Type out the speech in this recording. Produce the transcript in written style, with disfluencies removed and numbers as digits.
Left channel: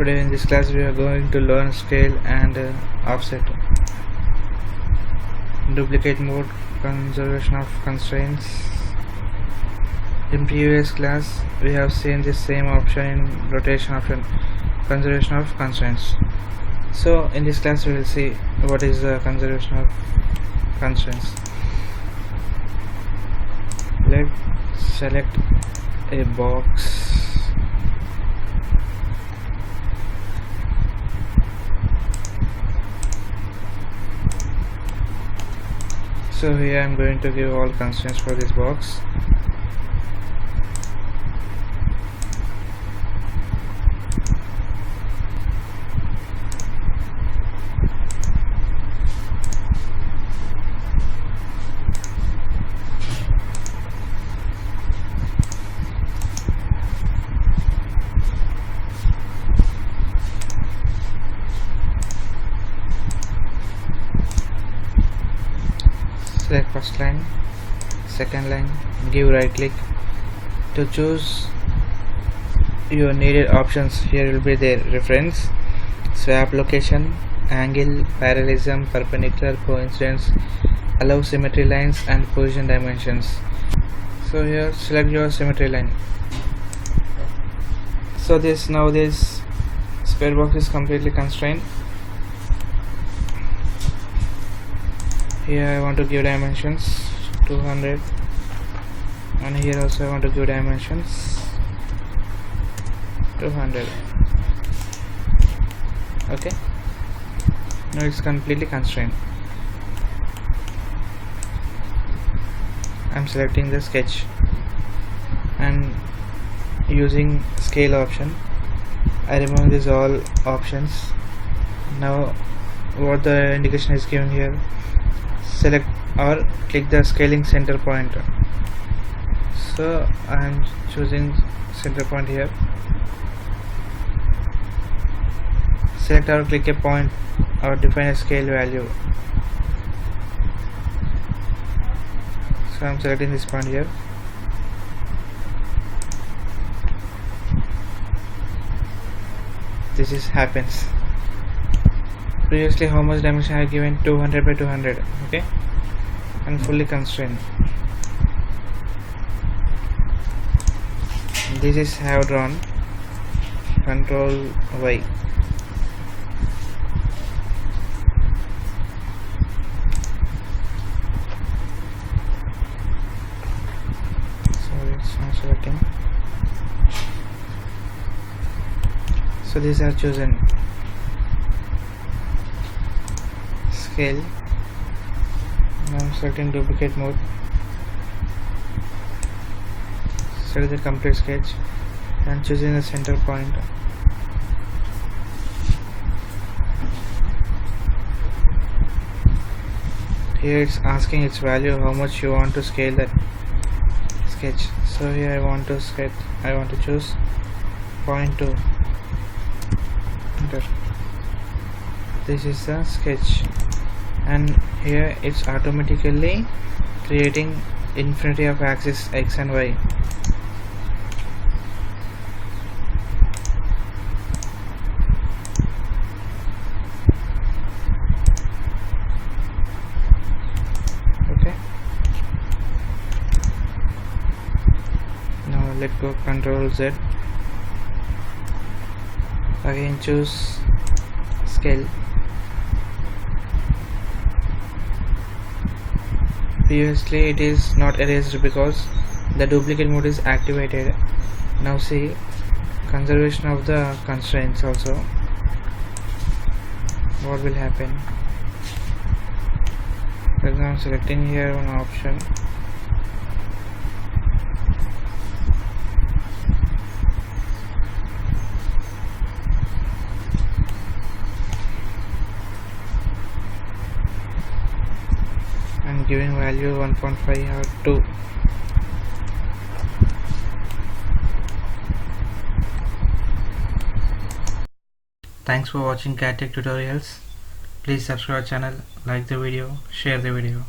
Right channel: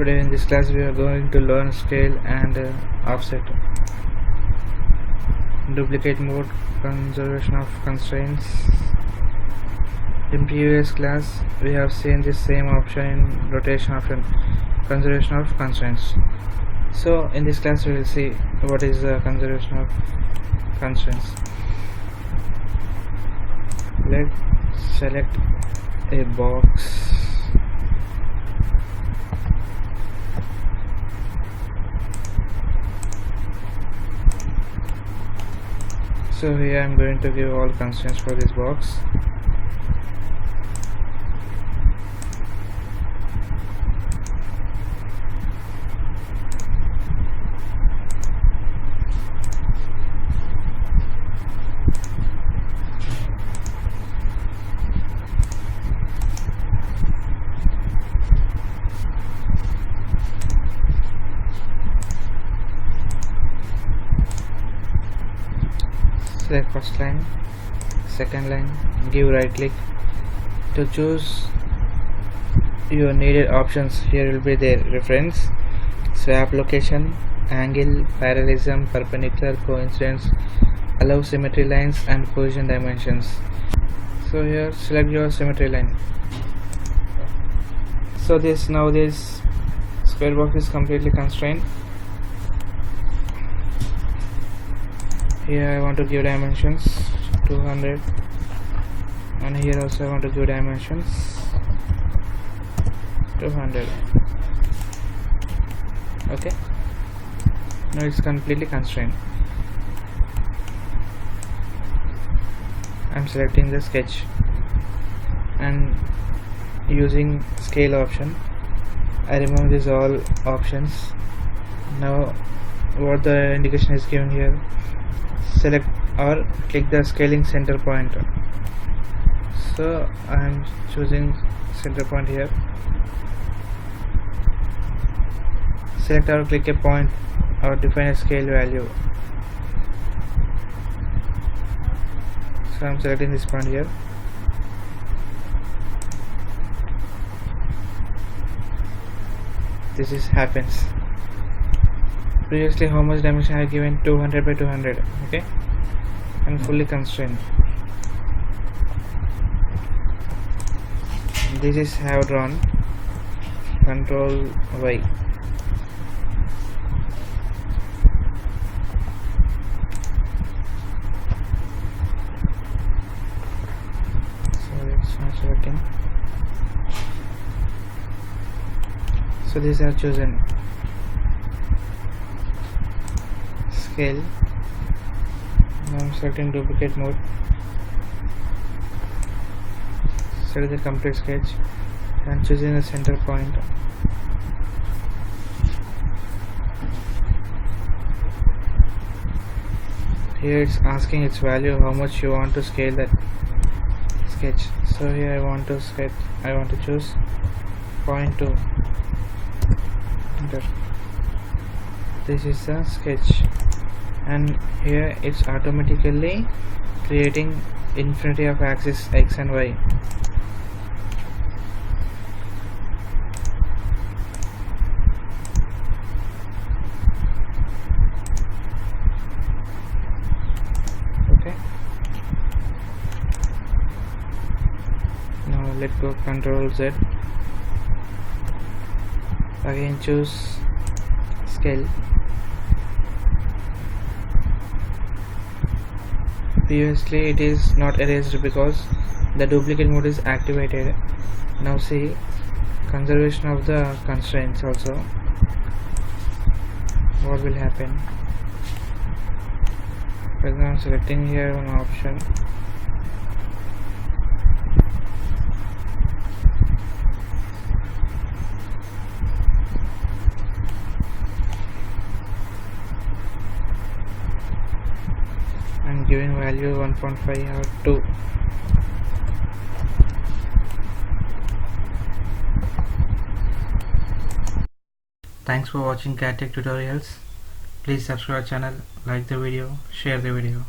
Today in this class we are going to learn scale and offset, duplicate mode, conservation of constraints. In previous class we have seen the same option in rotation option, conservation of constraints. So in this class we will see what is the conservation of constraints. Let's select a box. So here I am going to give all constraints for this box. Select first line, second line, give right click to choose your needed options. Here will be the reference, swap location, angle, parallelism, perpendicular, coincidence, allow symmetry lines and position dimensions. So here select your symmetry line. So this square box is completely constrained. Here I want to give dimensions 200, and here also I want to give dimensions 200. Okay, now it's completely constrained. I'm selecting the sketch and using scale option I remove these all options. Now what the indication is given here, select or click the scaling center point. So I am choosing center point here. Select or click a point or define a scale value. So I am selecting this point here. This is happens. Previously how much dimension I have given? 200 by 200. Okay, and fully constrained. This is have drawn. Control Y. So it's not selecting. So these are chosen. Scale. Now I'm selecting duplicate mode. Select the complete sketch and choosing the center point. Here it's asking its value, how much you want to scale that sketch. So here I want to choose 0.2. Enter. This is the sketch, and here it's automatically creating infinity of axis X and Y. Okay, now let go Control Z. Again choose scale. Previously it is not erased because the duplicate mode is activated. Now see conservation of the constraints also. What will happen? For example, selecting here one option. I'm giving value 1.5 or 2. Thanks for watching CAD Tech tutorials. Please subscribe our channel, like the video, share the video.